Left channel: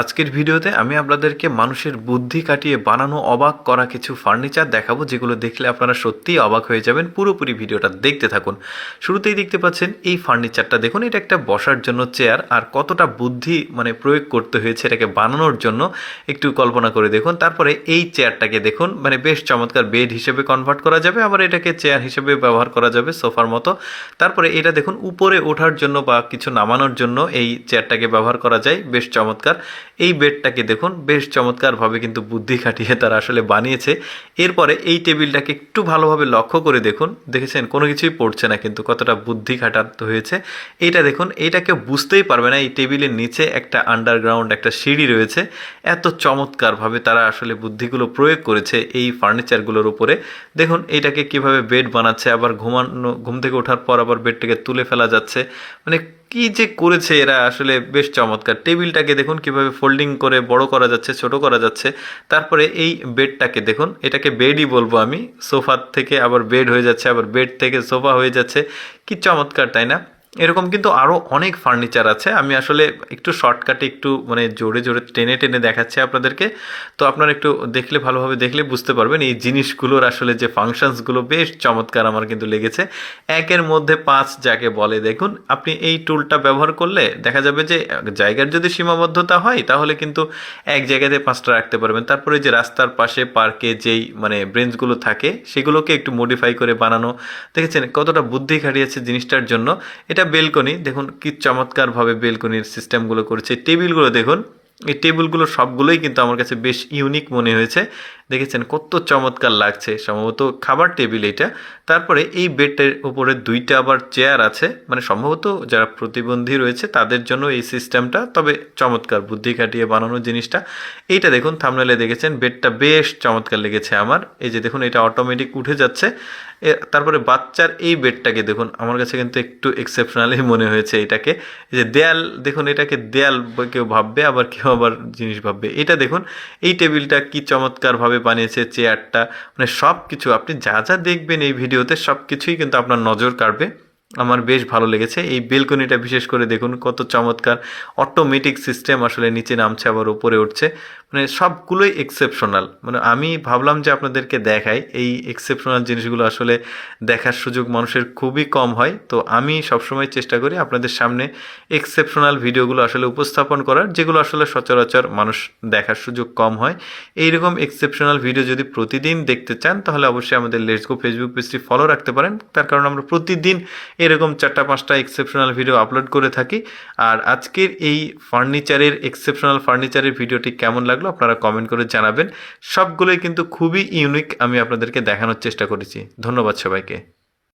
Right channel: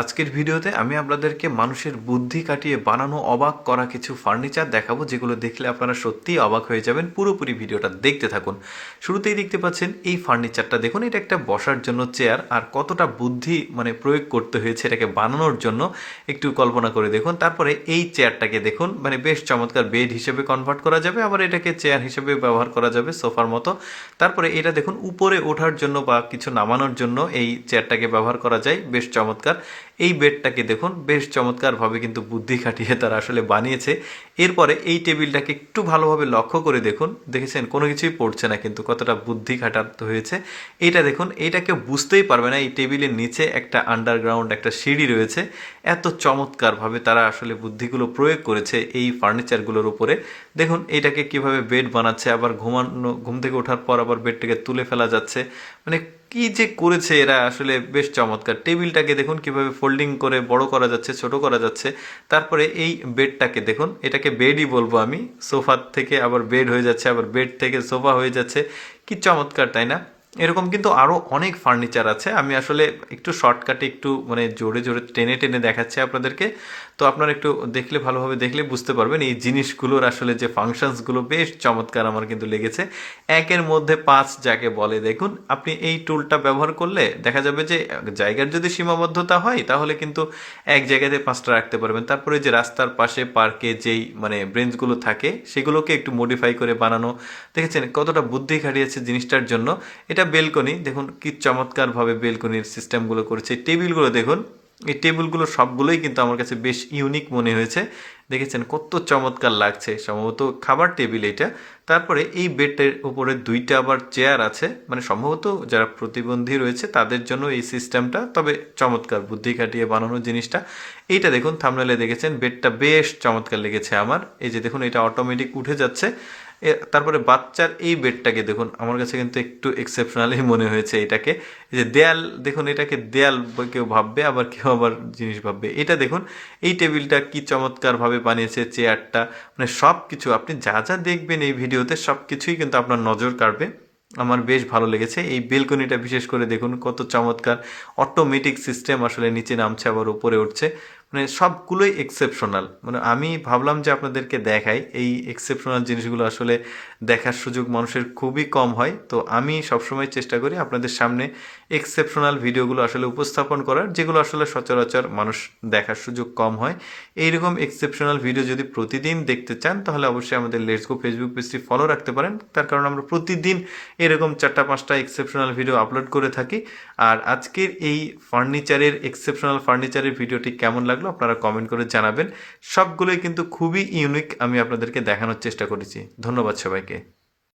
আজকের ভিডিওতে আমি আপনাদেরকে মানুষের বুদ্ধি কাটিয়ে বানানো অবাক করা কিছু ফার্নিচার দেখাবো, যেগুলো দেখলে আপনারা সত্যিই অবাক হয়ে যাবেন। পুরোপুরি ভিডিওটা দেখতে থাকুন। শুরুতেই দেখতে পাচ্ছেন এই ফার্নিচারটা দেখুন, এটা একটা বসার জন্য চেয়ার। আর কতটা বুদ্ধি প্রয়োগ করতে হয়েছে এটাকে বানানোর জন্য একটু কল্পনা করে দেখুন। তারপরে এই চেয়ারটাকে দেখুন, বেশ চমৎকার বেড হিসেবে কনভার্ট করা যাবে, আবার এটাকে চেয়ার হিসেবে ব্যবহার করা যাবে সোফার মতো। তারপরে এটা দেখুন, উপরে ওঠার জন্য বা কিছু নামানোর জন্য এই চেয়ারটাকে ব্যবহার করা যায়, বেশ চমৎকার। এই বেডটাকে দেখুন, বেশ চমৎকারভাবে কিন্তু বুদ্ধি খাটিয়ে তারা আসলে বানিয়েছে। এরপরে এই টেবিলটাকে একটু ভালোভাবে লক্ষ্য করে দেখুন, দেখেছেন কোনো কিছুই পড়ছে না, কিন্তু কতটা বুদ্ধি খাটাতে হয়েছে। এইটা দেখুন, এইটাকে বুঝতেই পারবে না এই টেবিলের নিচে একটা আন্ডারগ্রাউন্ড একটা সিঁড়ি রয়েছে। এত চমৎকারভাবে তারা আসলে বুদ্ধিগুলো প্রয়োগ করেছে এই ফার্নিচারগুলোর উপরে। দেখুন এইটাকে কিভাবে বেড বানাচ্ছে, আবার ঘুম থেকে ওঠার পর আবার বেডটাকে তুলে ফেলা যাচ্ছে। কি যে করেছে এরা, আসলে বেশ চমৎকার। টেবিলটাকে দেখুন কিভাবে ফোল্ডিং করে বড় করা যাচ্ছে, ছোট করা যাচ্ছে। তারপরে এই বেডটাকে দেখুন, এটাকে বেডই বলবো আমি, সোফার থেকে আবার বেড হয়ে যাচ্ছে, আবার বেড থেকে সোফা হয়ে যাচ্ছে। কি চমৎকার, তাই না? এরকম কিন্তু আরও অনেক ফার্নিচার আছে। আমি আসলে একটু শর্টকাটে একটু জোরে জোরে টেনে টেনে দেখাচ্ছি আপনাদেরকে। তো আপনারা একটু দেখলে, ভালোভাবে দেখলে বুঝতে পারবেন এই জিনিসগুলোর আসলে যে ফাংশনসগুলো বেশ চমৎকার আমার কিন্তু লেগেছে। একের মধ্যে পাঁচ যাকে বলে। দেখুন আপনি এই টুলটা ব্যবহার করলে দেখা যাবে যে জায়গার যদি সীমাবদ্ধতা হয় তাহলে কিন্তু এক জায়গাতে পাঁচটা রাখতে পারবেন। তারপরে যে রাস্তার পাশে পার্কে যেই ব্রেঞ্চগুলো থাকে সেগুলোকে একটু মডিফাই করে বানানো, দেখেছেন কতটা বুদ্ধি খাটিয়েছে জিনিসটার জন্য। এটা বেলকনি, দেখুন কি চমৎকারভাবে বেলকনির সিস্টেমগুলো করেছে। টেবিলগুলো দেখুন, এই টেবিলগুলো সবগুলোই কিন্তু আমার কাছে বেশ ইউনিক মনে হয়েছে। দেখেছেন কত চমৎকার লাগছে, সম্ভবত খাবার টেবিল এটা। তারপরে এই বেডের উপরে দুইটা আবার চেয়ার আছে, সম্ভবত যারা প্রতিবন্ধী রয়েছে তাদের জন্য এই সিস্টেমটা। তবে চমৎকার বুদ্ধি খাটিয়ে বানানো জিনিসটা। এইটা দেখুন, থাম্বনেলে দেখেছেন, বেডটা বেশ চমৎকার লেগেছে আমার। এই যে দেখুন, এটা অটোমেটিক উঠে যাচ্ছে। তারপরে বাচ্চার এই বেডটাকে দেখুন, আমার কাছে কিন্তু একটু এক্সেপশনালি মনে হয়েছে এটাকে। এই যে দেয়াল দেখুন, এটাকে দেয়াল কেউ ভাববে, আবার কেউ আবার জিনিস ভাববে। এটা দেখুন, এই টেবিলটা কি চমৎকারভাবে বানিয়েছে, চেয়ারটা, সব কিছু আপনি যা যা দেখবেন এই ভিডিওতে সব কিছুই কিন্তু আপনার নজর কাড়বে। আমার বেশ ভালো লেগেছে। এই বেলকনিটা বিশেষ করে দেখুন কত চমৎকার। অটোমেটিক সিস্টেম, আসলে নিচে নামছে আবার উপরে উঠছে। সবগুলোই এক্সেপশনাল। আমি ভাবলাম যে আপনাদেরকে দেখাই, এই এক্সেপশনাল জিনিসগুলো আসলে দেখার সুযোগ মানুষের খুবই কম হয়। তো আমি সবসময় চেষ্টা করি আপনাদের সামনে এক্সেপশনাল ভিডিওগুলো আসলে উপস্থাপন করার, যেগুলো আসলে সচরাচর মানুষ দেখার সুযোগ কম হয়। এইরকম এক্সেপশনাল ভিডিও যদি প্রতিদিন দেখতে চান তাহলে অবশ্যই আমাদের লেটস গো ফেসবুক পেজটি ফলো রাখতে পারেন। তার কারণ আমরা প্রতিদিন এরকম 4-5টা এক্সেপশনাল ভিডিও আপলোড করে থাকি। আর আজকের এই এক্সেপশনাল ফার্নিচারের ভিডিওটি কেমন লাগলো আপনারা কমেন্ট করে জানাবেন। সবগুলোই কিন্তু খুবই ইউনিক, আমি আপনাদেরকে দেখানোর চেষ্টা করেছি। ধন্যবাদ সবাইকে।